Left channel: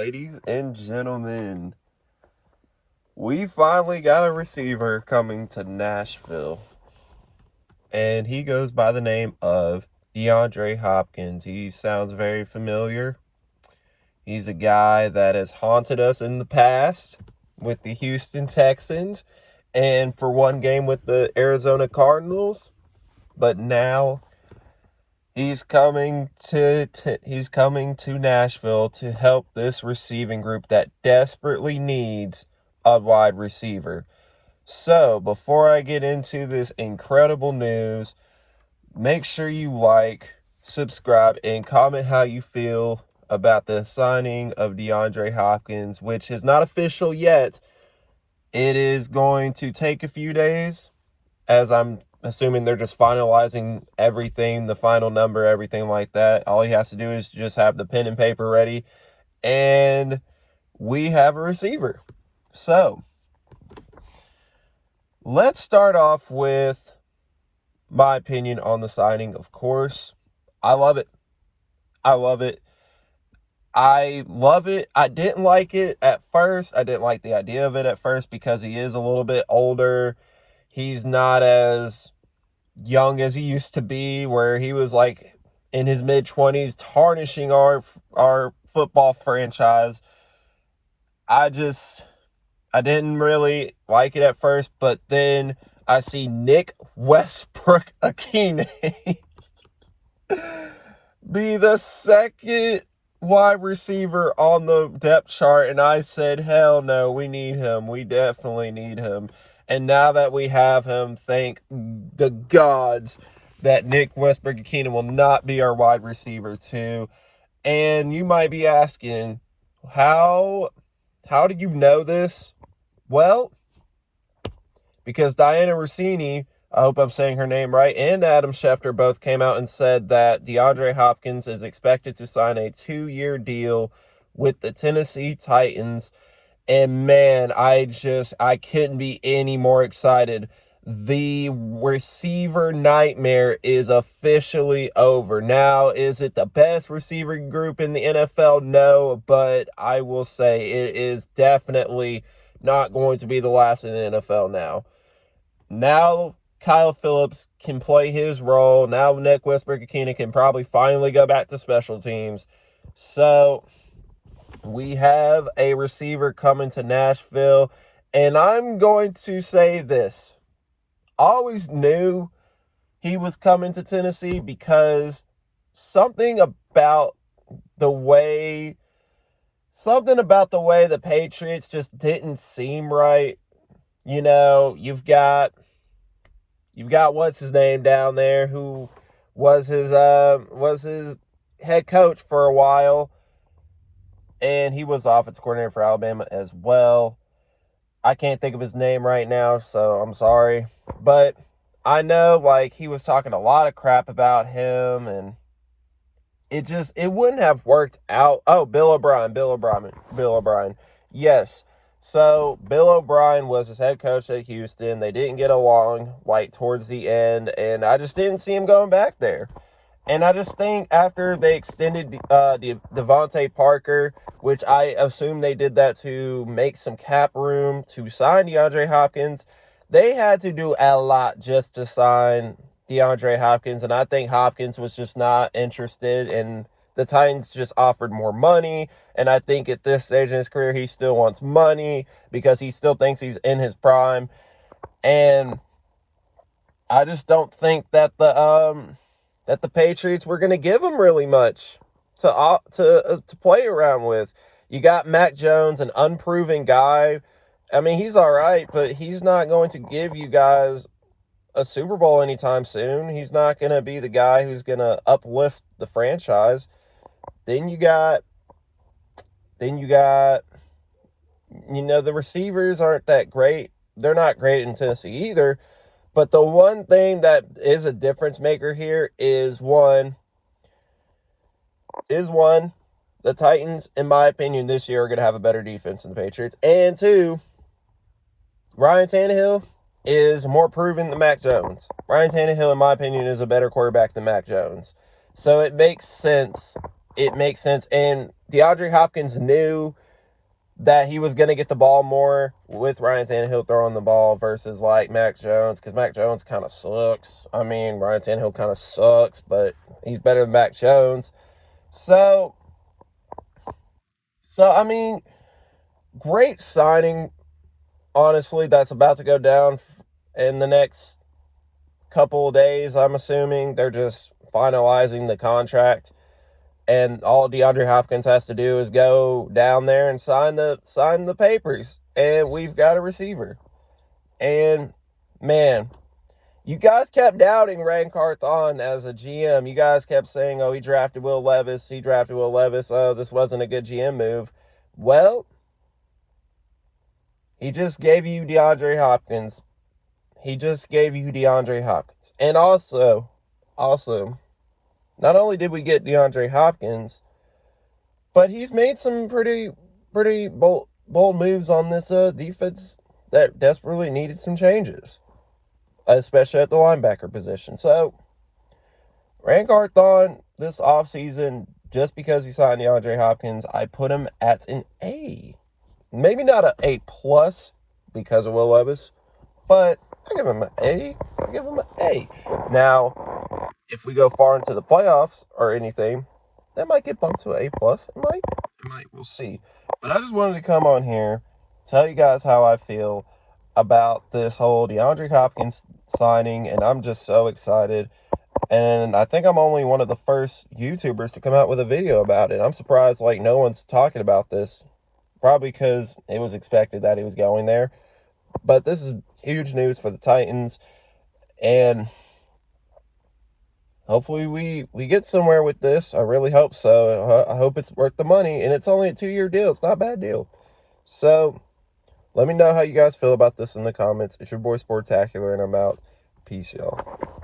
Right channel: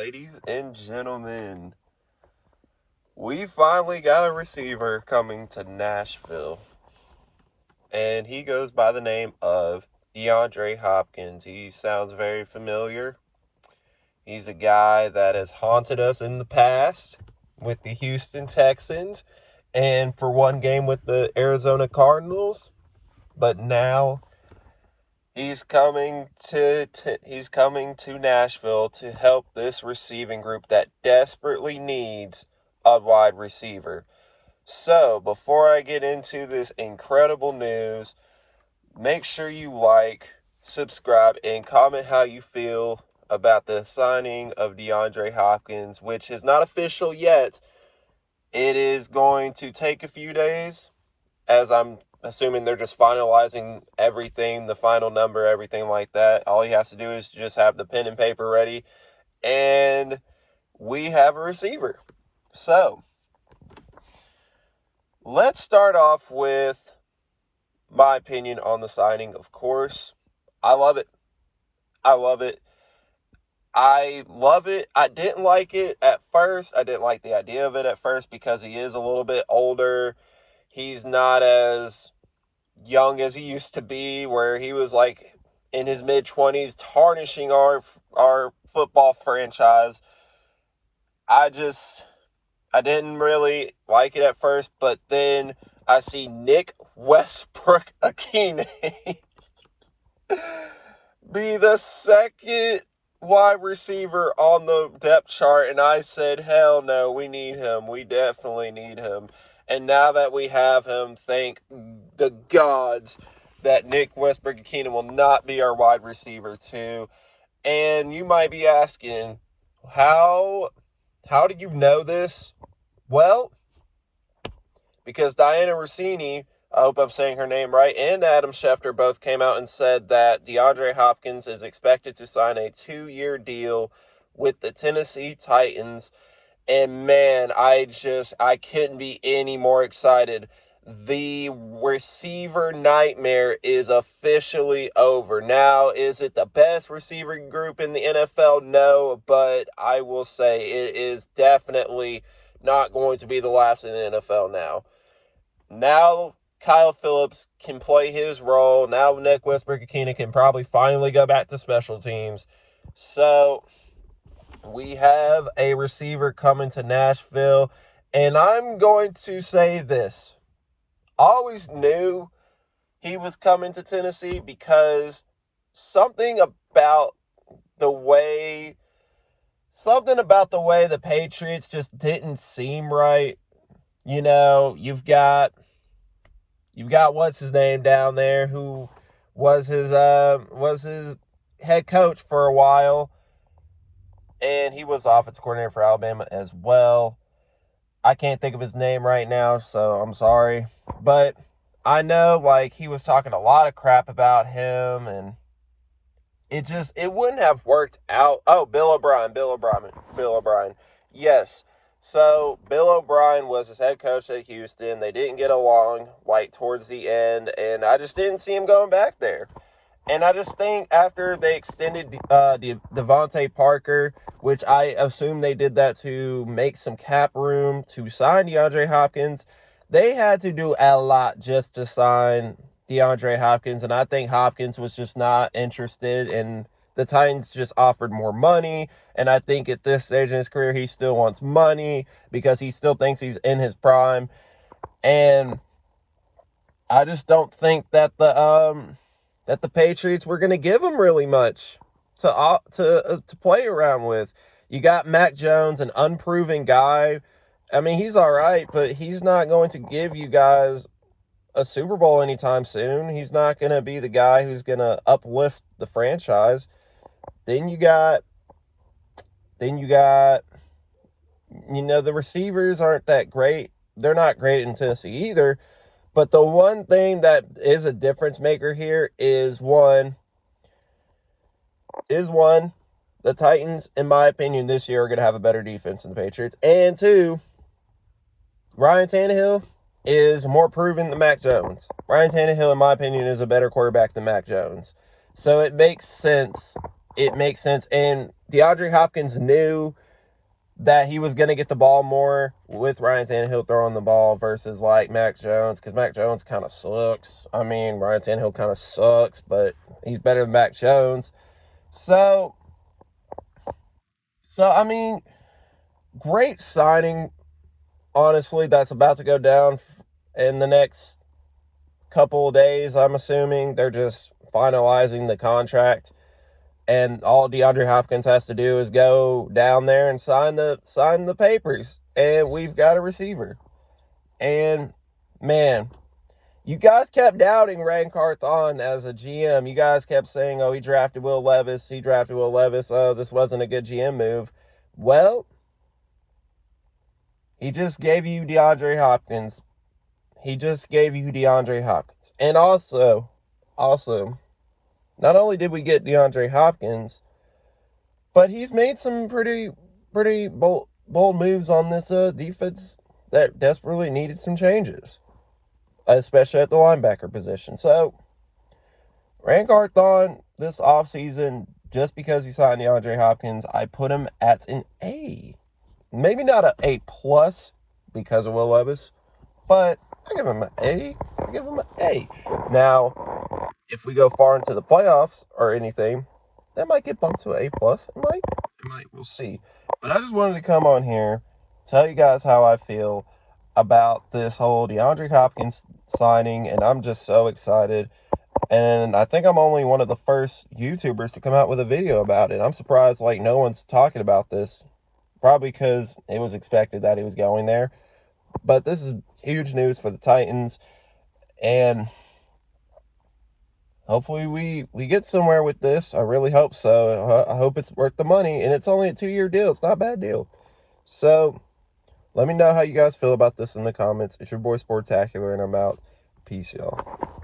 Ladies and gentlemen, we finally got a receiver coming to Nashville, and he goes by the name of Deandre Hopkins. He sounds very familiar. He's a guy that has haunted us in the past with the Houston Texans and for one game with the Arizona Cardinals, but now he's coming to Nashville to help this receiving group that desperately needs a wide receiver. So, before I get into this incredible news, make sure you like, subscribe, and comment how you feel about the signing of Deandre Hopkins, which is not official yet. It is going to take a few days, as I'm assuming they're just finalizing everything, the final number, everything like that. All he has to do is just have the pen and paper ready, and we have a receiver. So, let's start off with my opinion on the signing. Of course, I love it. I love it. I didn't like it at first. I didn't like the idea of it at first because he is a little bit older. He's not as young as he used to be, where he was like in his mid-20s tarnishing our football franchise. I didn't really like it at first, but then I see Nick Westbrook-Akine be the second wide receiver on the depth chart, and I said, hell no, we need him. We definitely need him. And now that we have him, thank the gods that Nick Westbrook-Akine will not be our wide receiver too. And you might be asking, how do you know this? Well, because Diana Rossini, I hope I'm saying her name right, and Adam Schefter both came out and said that DeAndre Hopkins is expected to sign a 2-year deal with the Tennessee Titans. And man, I couldn't be any more excited. The receiver nightmare is officially over. Now, is it the best receiver group in the NFL? No, but I will say it is definitely not going to be the last in the NFL now. Now, Kyle Phillips can play his role. Now, Nick Westbrook-Akine can probably finally go back to special teams. So, we have a receiver coming to Nashville, and I'm going to say this. I always knew he was coming to Tennessee because something about the way the Patriots just didn't seem right. You know, you've got what's his name down there, who was his head coach for a while, and he was the offensive coordinator for Alabama as well. I can't think of his name right now, so I'm sorry. But I know, like, he was talking a lot of crap about him, and it wouldn't have worked out. Oh, Bill O'Brien. Yes. So, Bill O'Brien was his head coach at Houston. They didn't get along, like, towards the end, and I just didn't see him going back there. And I just think after they extended Devontae Parker, which I assume they did that to make some cap room to sign DeAndre Hopkins, they had to do a lot just to sign DeAndre Hopkins. And I think Hopkins was just not interested, and the Titans just offered more money. And I think at this stage in his career, he still wants money because he still thinks he's in his prime. And I just don't think that the Patriots were going to give him really much to play around with. You got Mac Jones, an unproven guy. I mean, he's all right, but he's not going to give you guys a Super Bowl anytime soon. He's not going to be the guy who's going to uplift the franchise. Then you got, the receivers aren't that great. They're not great in Tennessee either. But the one thing that is a difference maker here is one, the Titans, in my opinion, this year are going to have a better defense than the Patriots. And two, Ryan Tannehill is more proven than Mac Jones. Ryan Tannehill, in my opinion, is a better quarterback than Mac Jones. So it makes sense it makes sense. And DeAndre Hopkins knew that he was going to get the ball more with Ryan Tannehill throwing the ball versus like Mac Jones, because Mac Jones kind of sucks. I mean, Ryan Tannehill kind of sucks, but he's better than Mac Jones. So I mean, great signing, honestly, that's about to go down in the next couple of days. I'm assuming they're just finalizing the contract, and all DeAndre Hopkins has to do is go down there and sign the papers, and we've got a receiver. And man, you guys kept doubting Ray Carthon as a GM. You guys kept saying, "Oh, he drafted Will Levis. He drafted Will Levis. Oh, this wasn't a good GM move." Well, he just gave you DeAndre Hopkins. He just gave you DeAndre Hopkins. And also, not only did we get DeAndre Hopkins, but he's made some pretty bold moves on this defense that desperately needed some changes, especially at the linebacker position. So, Ray Carthon this offseason, just because he signed DeAndre Hopkins, I put him at an A. Maybe not an A plus because of Will Levis, but I give him an A. I give him an A. Now, if we go far into the playoffs or anything, that might get bumped to an A plus. It might. We'll see. But I just wanted to come on here, tell you guys how I feel about this whole DeAndre Hopkins signing, and I'm just so excited. And I think I'm only one of the first YouTubers to come out with a video about it. I'm surprised like no one's talking about this. Probably because it was expected that he was going there. But this is huge news for the Titans. And hopefully we get somewhere with this. I really hope so. I hope it's worth the money. And it's only a 2-year deal. It's not a bad deal. So let me know how you guys feel about this in the comments. It's your boy Sportacular, and I'm out. Peace, y'all.